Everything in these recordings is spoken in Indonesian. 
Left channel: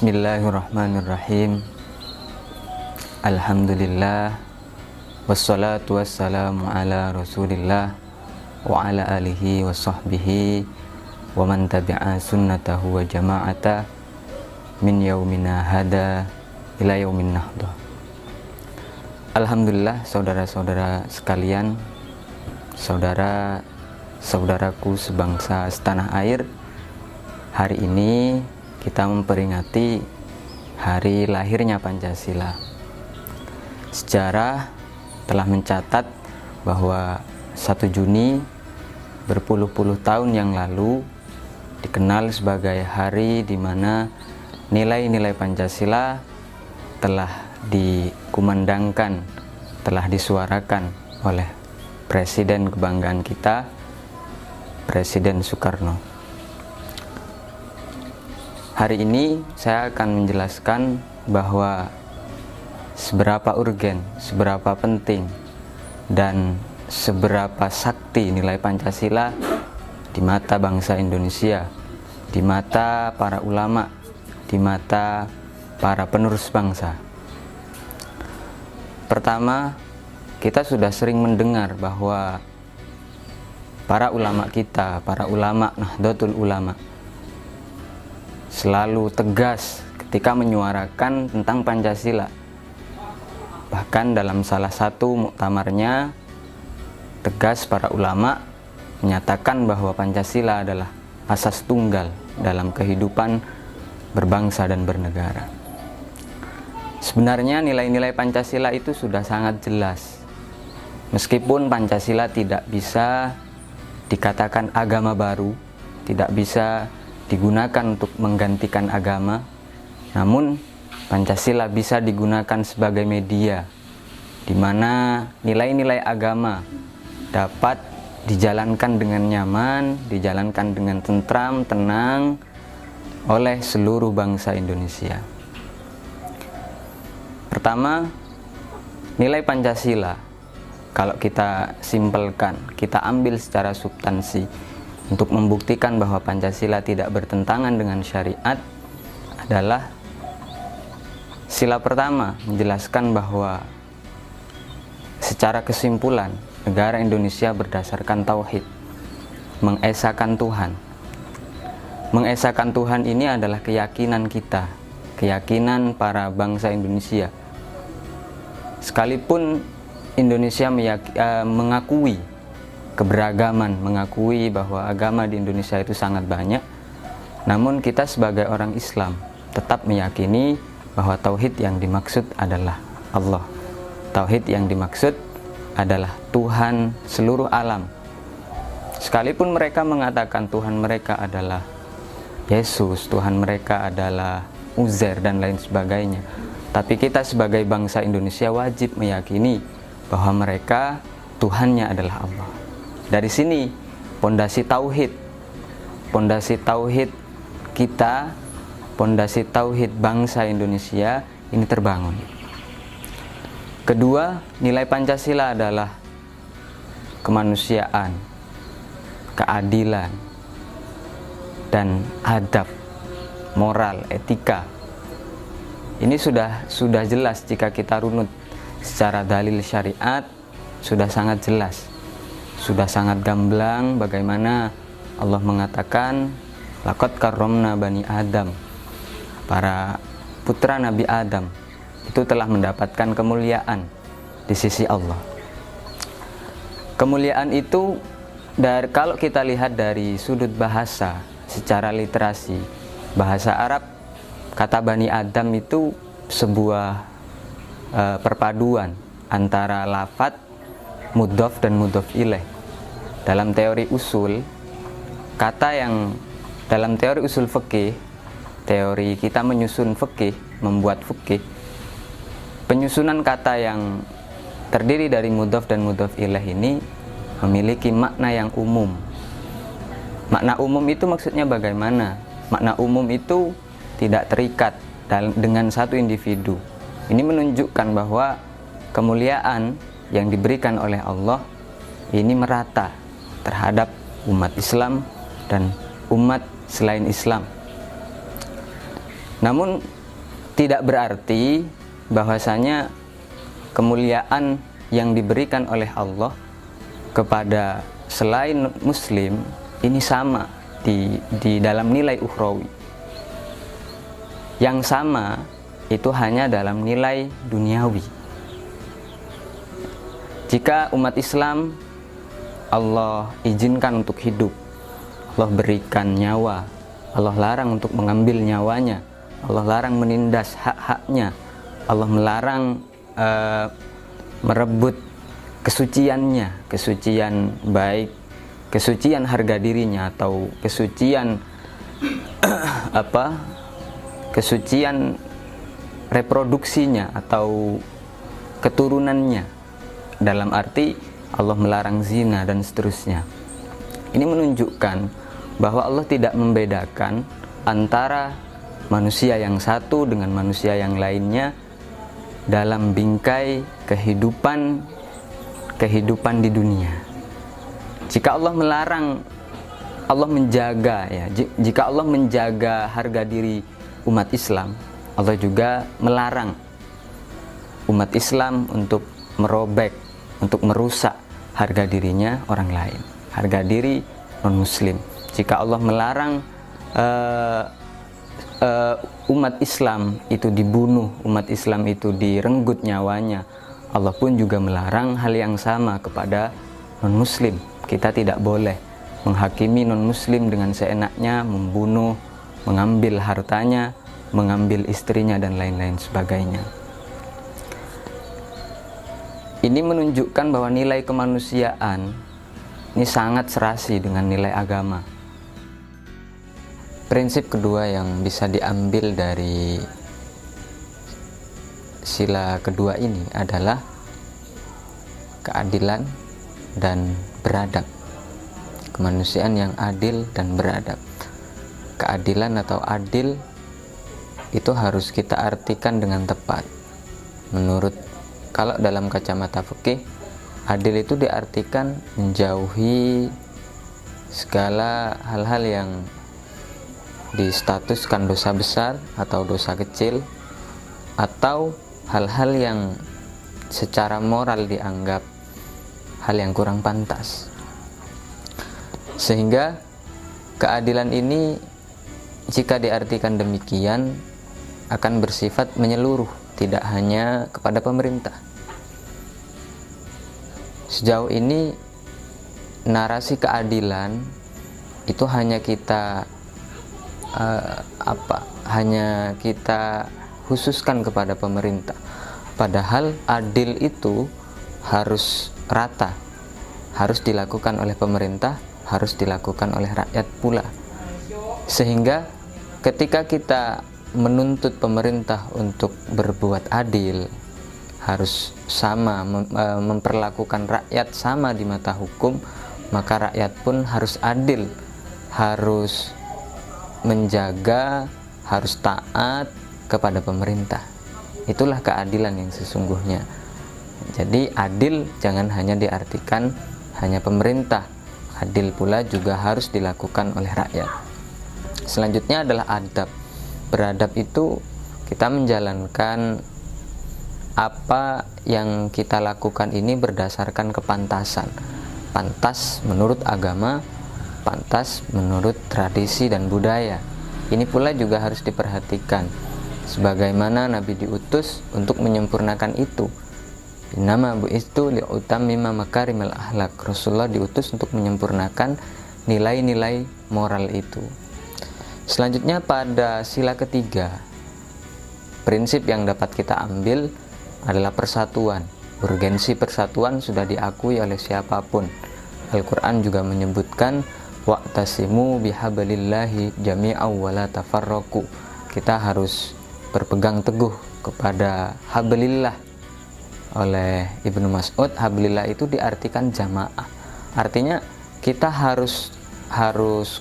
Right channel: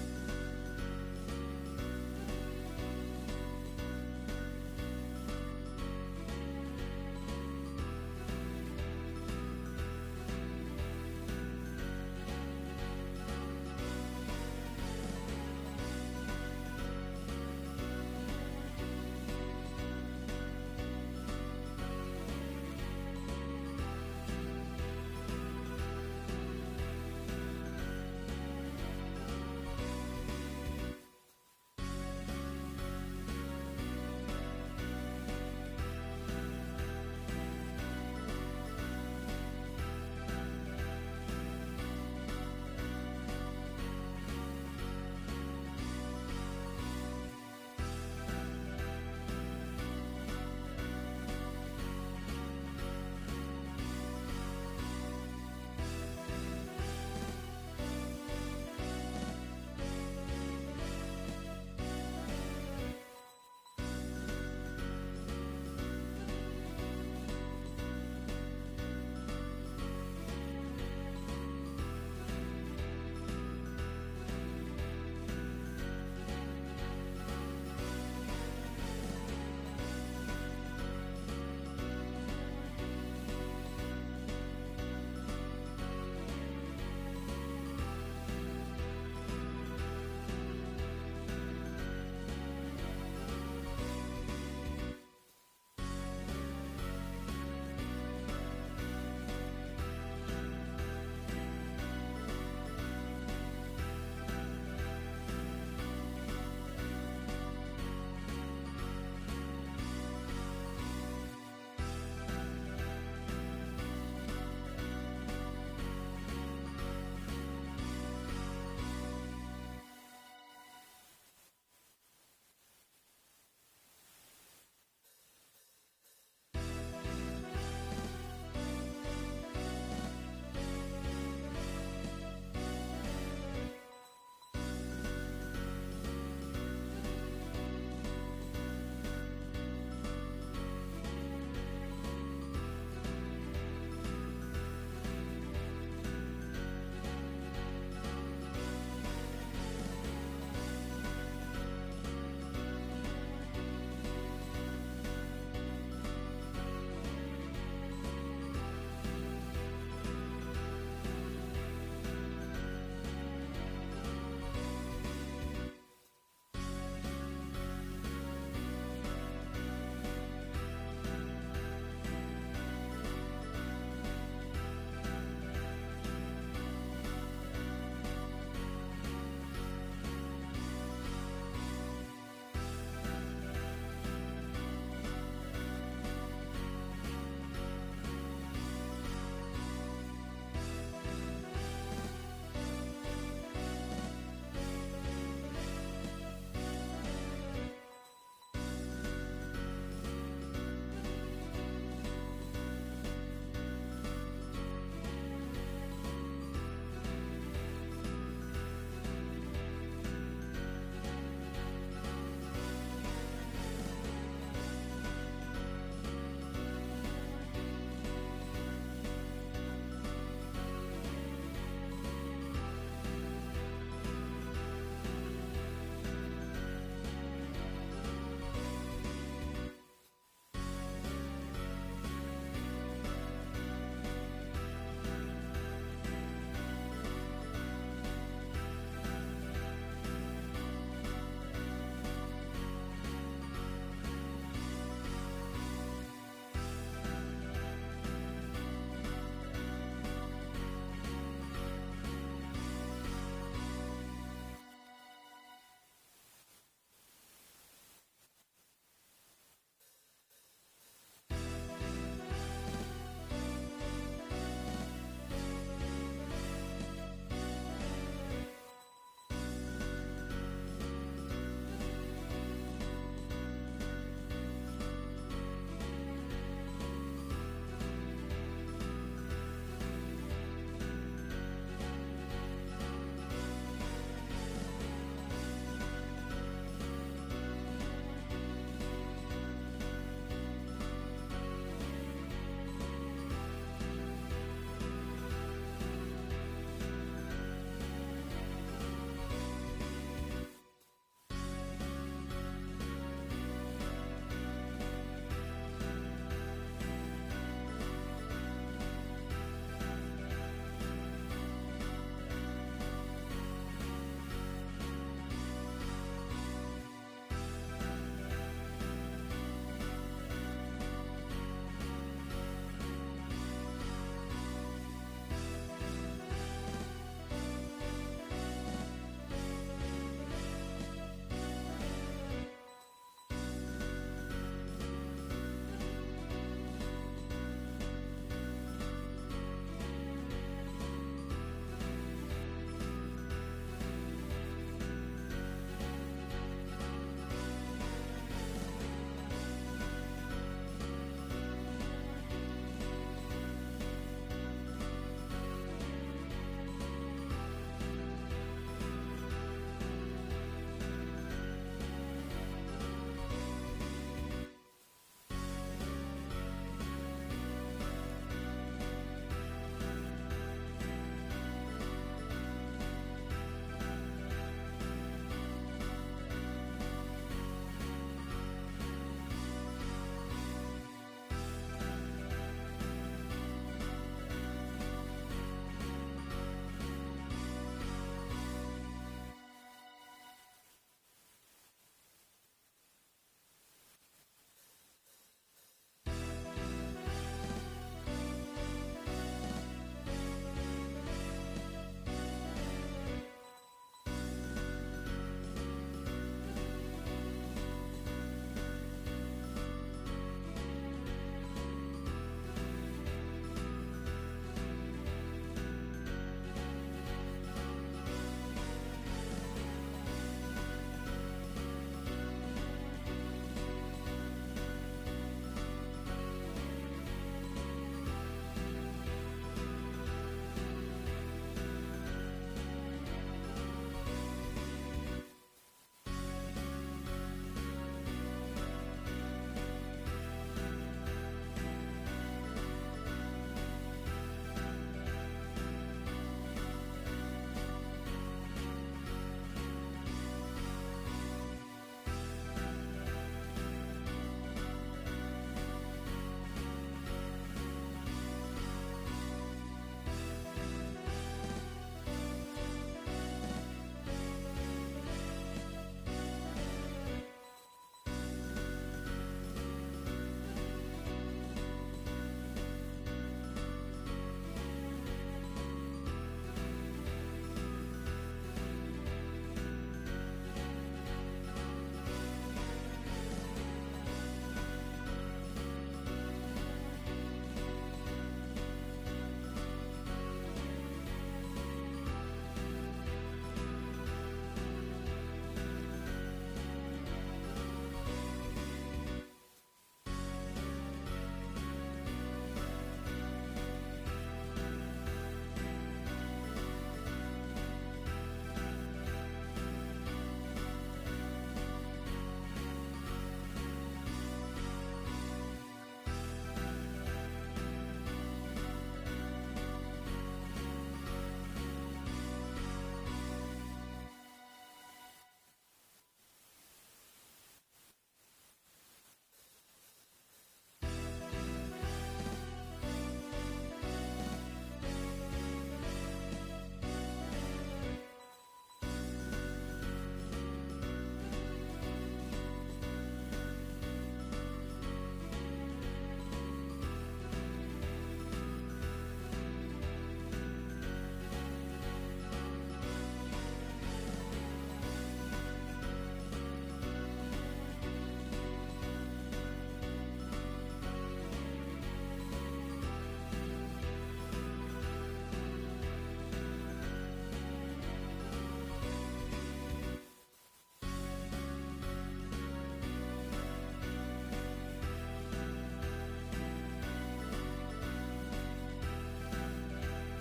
Bismillahirrahmanirrahim. Alhamdulillah. Wassalatu wassalamu ala rasulillah wa ala alihi wa sahbihi wa man tabi'a sunnatahu wa jama'ata min yaumina hada ila yaumin nahdah. Alhamdulillah, saudara-saudara sekalian, saudaraku sebangsa setanah air, hari ini kita memperingati hari lahirnya Pancasila. Sejarah telah mencatat bahwa 1 Juni berpuluh-puluh tahun yang lalu dikenal sebagai hari di mana nilai-nilai Pancasila telah dikumandangkan, telah disuarakan oleh Presiden kebanggaan kita, Presiden Soekarno. Hari ini saya akan menjelaskan bahwa seberapa urgen, seberapa penting, dan seberapa sakti nilai Pancasila di mata bangsa Indonesia, di mata para ulama, di mata para penerus bangsa. Pertama, kita sudah sering mendengar bahwa para ulama kita, para ulama Nahdlatul Ulama, selalu tegas ketika menyuarakan tentang Pancasila. Bahkan dalam salah satu muktamarnya, tegas para ulama menyatakan bahwa Pancasila adalah asas tunggal dalam kehidupan berbangsa dan bernegara. Sebenarnya nilai-nilai Pancasila itu sudah sangat jelas. Meskipun Pancasila tidak bisa dikatakan agama baru, tidak bisa digunakan untuk menggantikan agama, namun Pancasila bisa digunakan sebagai media di mana nilai-nilai agama dapat dijalankan dengan nyaman, dijalankan dengan tentram, tenang oleh seluruh bangsa Indonesia. Pertama, nilai Pancasila, kalau kita simpelkan, kita ambil secara substansi untuk membuktikan bahwa Pancasila tidak bertentangan dengan syariat, adalah sila pertama menjelaskan bahwa secara kesimpulan negara Indonesia berdasarkan tauhid, mengesahkan Tuhan. Mengesahkan Tuhan ini adalah keyakinan kita, keyakinan para bangsa Indonesia. Sekalipun Indonesia mengakui keberagaman, mengakui bahwa agama di Indonesia itu sangat banyak, namun kita sebagai orang Islam tetap meyakini bahwa tauhid yang dimaksud adalah Allah. Tauhid yang dimaksud adalah Tuhan seluruh alam. Sekalipun mereka mengatakan Tuhan mereka adalah Yesus, Tuhan mereka adalah Uzair dan lain sebagainya, tapi kita sebagai bangsa Indonesia wajib meyakini bahwa mereka Tuhannya adalah Allah. Dari sini pondasi tauhid kita, pondasi tauhid bangsa Indonesia ini terbangun. Kedua, nilai Pancasila adalah kemanusiaan, keadilan, dan adab, moral, etika. Ini sudah jelas jika kita runut secara dalil syariat, sudah sangat jelas. Sudah sangat gamblang bagaimana Allah mengatakan laqad karramna bani Adam. Para putra Nabi Adam itu telah mendapatkan kemuliaan di sisi Allah. Kemuliaan itu kalau kita lihat dari sudut bahasa, secara literasi bahasa Arab, kata Bani Adam itu sebuah perpaduan antara lafadz mudhof dan mudhof ilaih. Dalam teori usul, dalam teori usul fikih, teori kita menyusun fikih, membuat fikih, penyusunan kata yang terdiri dari mudhof dan mudhof ilaih ini memiliki makna yang umum. Makna umum itu maksudnya bagaimana? Makna umum itu tidak terikat dengan satu individu. Ini menunjukkan bahwa kemuliaan yang diberikan oleh Allah ini merata terhadap umat Islam dan umat selain Islam. Namun tidak berarti bahwasanya kemuliaan yang diberikan oleh Allah kepada selain muslim ini sama di dalam nilai ukhrawi. Yang sama itu hanya dalam nilai duniawi. Jika umat Islam Allah izinkan untuk hidup, Allah berikan nyawa, Allah larang untuk mengambil nyawanya, Allah larang menindas hak-haknya, Allah melarang merebut kesuciannya, kesucian baik, kesucian harga dirinya atau kesucian kesucian reproduksinya atau keturunannya, dalam arti Allah melarang zina dan seterusnya. Ini menunjukkan bahwa Allah tidak membedakan antara manusia yang satu dengan manusia yang lainnya dalam bingkai kehidupan di dunia. Jika Allah melarang, Allah menjaga ya. Jika Allah menjaga harga diri umat Islam, Allah juga melarang umat Islam untuk merobek, untuk merusak harga dirinya orang lain, harga diri non-muslim. Jika Allah melarang umat Islam itu dibunuh, umat Islam itu direnggut nyawanya, Allah pun juga melarang hal yang sama kepada non-muslim. Kita tidak boleh menghakimi non-muslim dengan seenaknya, membunuh, mengambil hartanya, mengambil istrinya dan lain-lain sebagainya. Ini menunjukkan bahwa nilai kemanusiaan ini sangat serasi dengan nilai agama. Prinsip kedua yang bisa diambil dari sila kedua ini adalah keadilan dan beradab. Kemanusiaan yang adil dan beradab. Keadilan atau adil itu harus kita artikan dengan tepat. Kalau dalam kacamata fikih, adil itu diartikan menjauhi segala hal-hal yang distatuskan dosa besar atau dosa kecil, atau hal-hal yang secara moral dianggap hal yang kurang pantas. Sehingga keadilan ini jika diartikan demikian akan bersifat menyeluruh, tidak hanya kepada pemerintah. Sejauh ini narasi keadilan itu hanya kita khususkan kepada pemerintah. Padahal adil itu harus rata, harus dilakukan oleh pemerintah, harus dilakukan oleh rakyat pula. Sehingga ketika kita menuntut pemerintah untuk berbuat adil, harus sama, memperlakukan rakyat sama di mata hukum, maka rakyat pun harus adil, harus menjaga, harus taat kepada pemerintah. Itulah keadilan yang sesungguhnya. Jadi adil jangan hanya diartikan hanya pemerintah, adil pula juga harus dilakukan oleh rakyat. Selanjutnya adalah adab. Beradab itu kita menjalankan apa yang kita lakukan ini berdasarkan kepantasan. Pantas menurut agama, pantas menurut tradisi dan budaya. Ini pula juga harus diperhatikan, sebagaimana Nabi diutus untuk menyempurnakan itu. Innama bu'istu li'utammima makarimal akhlak. Rasulullah diutus untuk menyempurnakan nilai-nilai moral itu. Selanjutnya pada sila ketiga, prinsip yang dapat kita ambil adalah persatuan. Urgensi persatuan sudah diakui oleh siapapun. Al-Quran juga menyebutkan wa'tasimu bihablillahi jami'aw wa la tafarraqu. Kita harus berpegang teguh kepada hablillah. Oleh Ibnu Mas'ud, hablillah itu diartikan jamaah. Artinya kita harus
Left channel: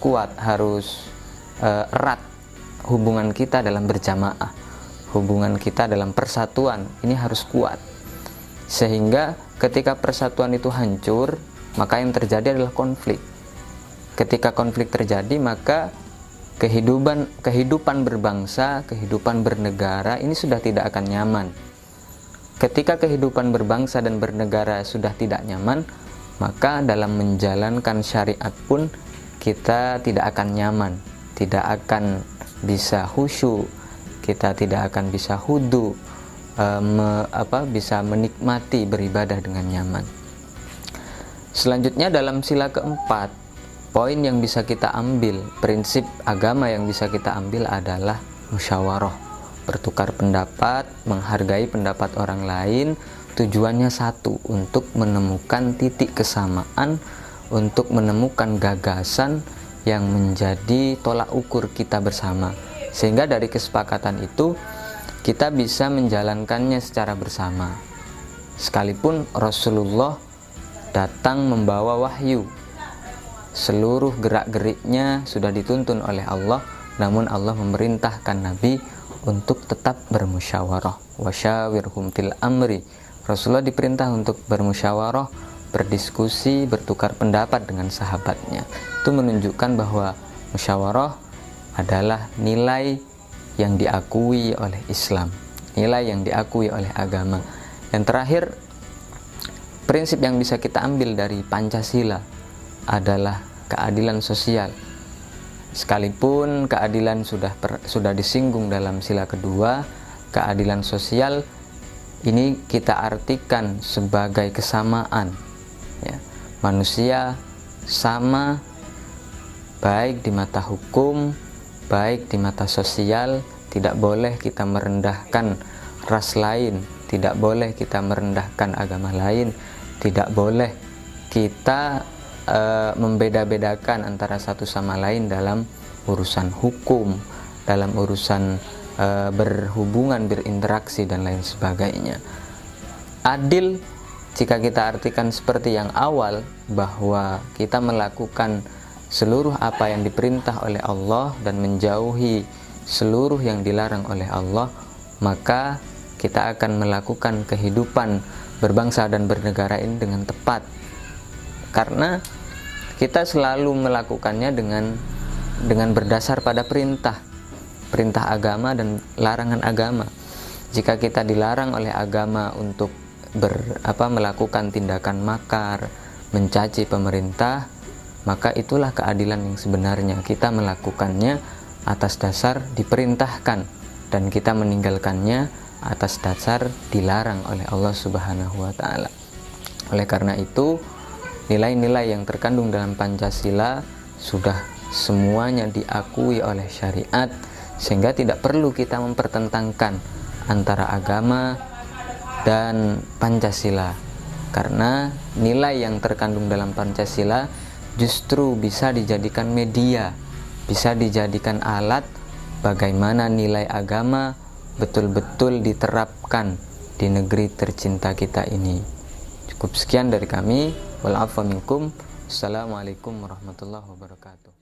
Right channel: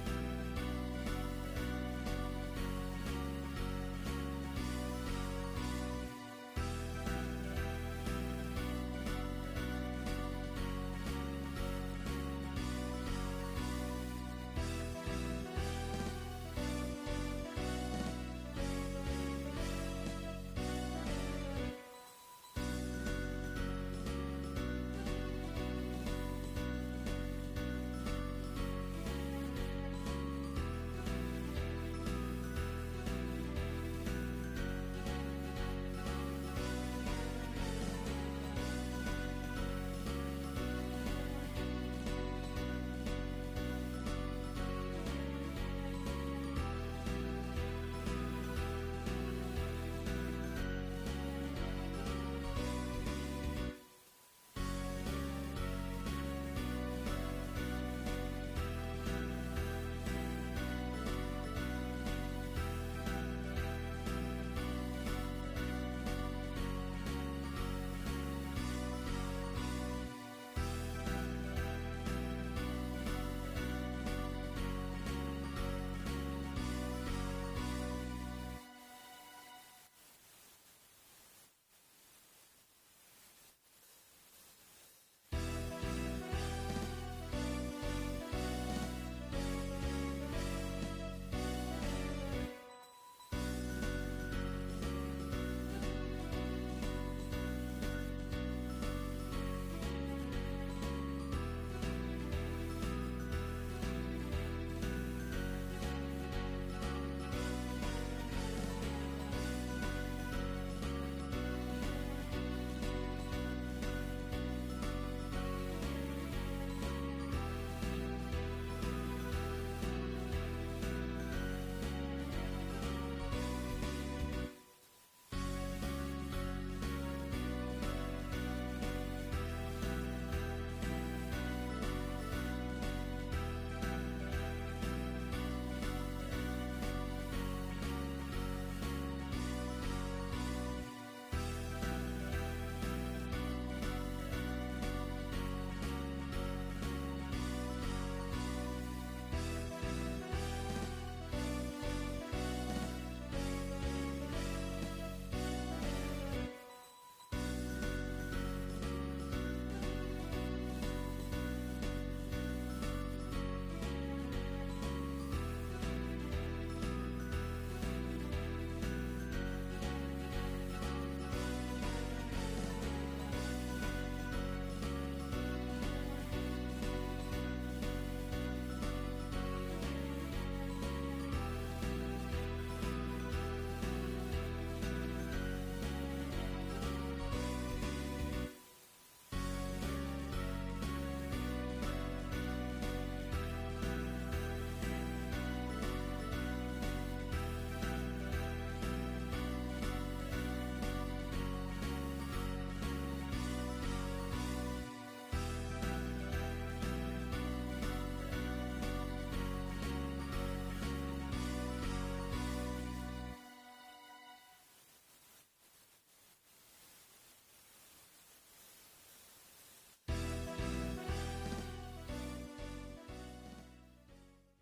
kuat, harus erat hubungan kita dalam berjamaah, hubungan kita dalam persatuan ini harus kuat, sehingga ketika persatuan itu hancur, maka yang terjadi adalah konflik. Ketika konflik terjadi, maka kehidupan berbangsa, kehidupan bernegara ini sudah tidak akan nyaman. Ketika kehidupan berbangsa dan bernegara sudah tidak nyaman, maka dalam menjalankan syariat pun kita tidak akan nyaman, tidak akan bisa khusyuk, kita tidak akan bisa hudu, bisa menikmati beribadah dengan nyaman. Selanjutnya dalam sila keempat, poin yang bisa kita ambil, prinsip agama yang bisa kita ambil adalah musyawarah, bertukar pendapat, menghargai pendapat orang lain. Tujuannya satu, untuk menemukan titik kesamaan, untuk menemukan gagasan yang menjadi tolak ukur kita bersama, sehingga dari kesepakatan itu kita bisa menjalankannya secara bersama. Sekalipun Rasulullah datang membawa wahyu, seluruh gerak-geriknya sudah dituntun oleh Allah, namun Allah memerintahkan Nabi untuk tetap bermusyawarah. Wasyawirhum fil amri. Rasulullah diperintah untuk bermusyawarah, berdiskusi, bertukar pendapat dengan sahabatnya. Itu menunjukkan bahwa musyawarah adalah nilai yang diakui oleh Islam, nilai yang diakui oleh agama. Yang terakhir, prinsip yang bisa kita ambil dari Pancasila adalah keadilan sosial. Sekalipun keadilan sudah disinggung dalam sila kedua, keadilan sosial ini kita artikan sebagai kesamaan, ya. Manusia sama, baik di mata hukum, baik di mata sosial. Tidak boleh kita merendahkan ras lain, tidak boleh kita merendahkan agama lain, tidak boleh kita membeda-bedakan antara satu sama lain dalam urusan hukum, dalam urusan berhubungan, berinteraksi dan lain sebagainya. Adil jika kita artikan seperti yang awal, bahwa kita melakukan seluruh apa yang diperintah oleh Allah dan menjauhi seluruh yang dilarang oleh Allah, maka kita akan melakukan kehidupan berbangsa dan bernegara ini dengan tepat, karena kita selalu melakukannya dengan berdasar pada perintah agama dan larangan agama. Jika kita dilarang oleh agama untuk melakukan tindakan makar, mencaci pemerintah, maka itulah keadilan yang sebenarnya. Kita melakukannya atas dasar diperintahkan, dan kita meninggalkannya atas dasar dilarang oleh Allah Subhanahu wa Ta'ala. Oleh karena itu, nilai-nilai yang terkandung dalam Pancasila sudah semuanya diakui oleh syariat, sehingga tidak perlu kita mempertentangkan antara agama dan Pancasila, karena nilai yang terkandung dalam Pancasila justru bisa dijadikan media, bisa dijadikan alat bagaimana nilai agama betul-betul diterapkan di negeri tercinta kita ini. Cukup sekian dari kami. Wal 'afwa minkum. Assalamualaikum warahmatullahi wabarakatuh.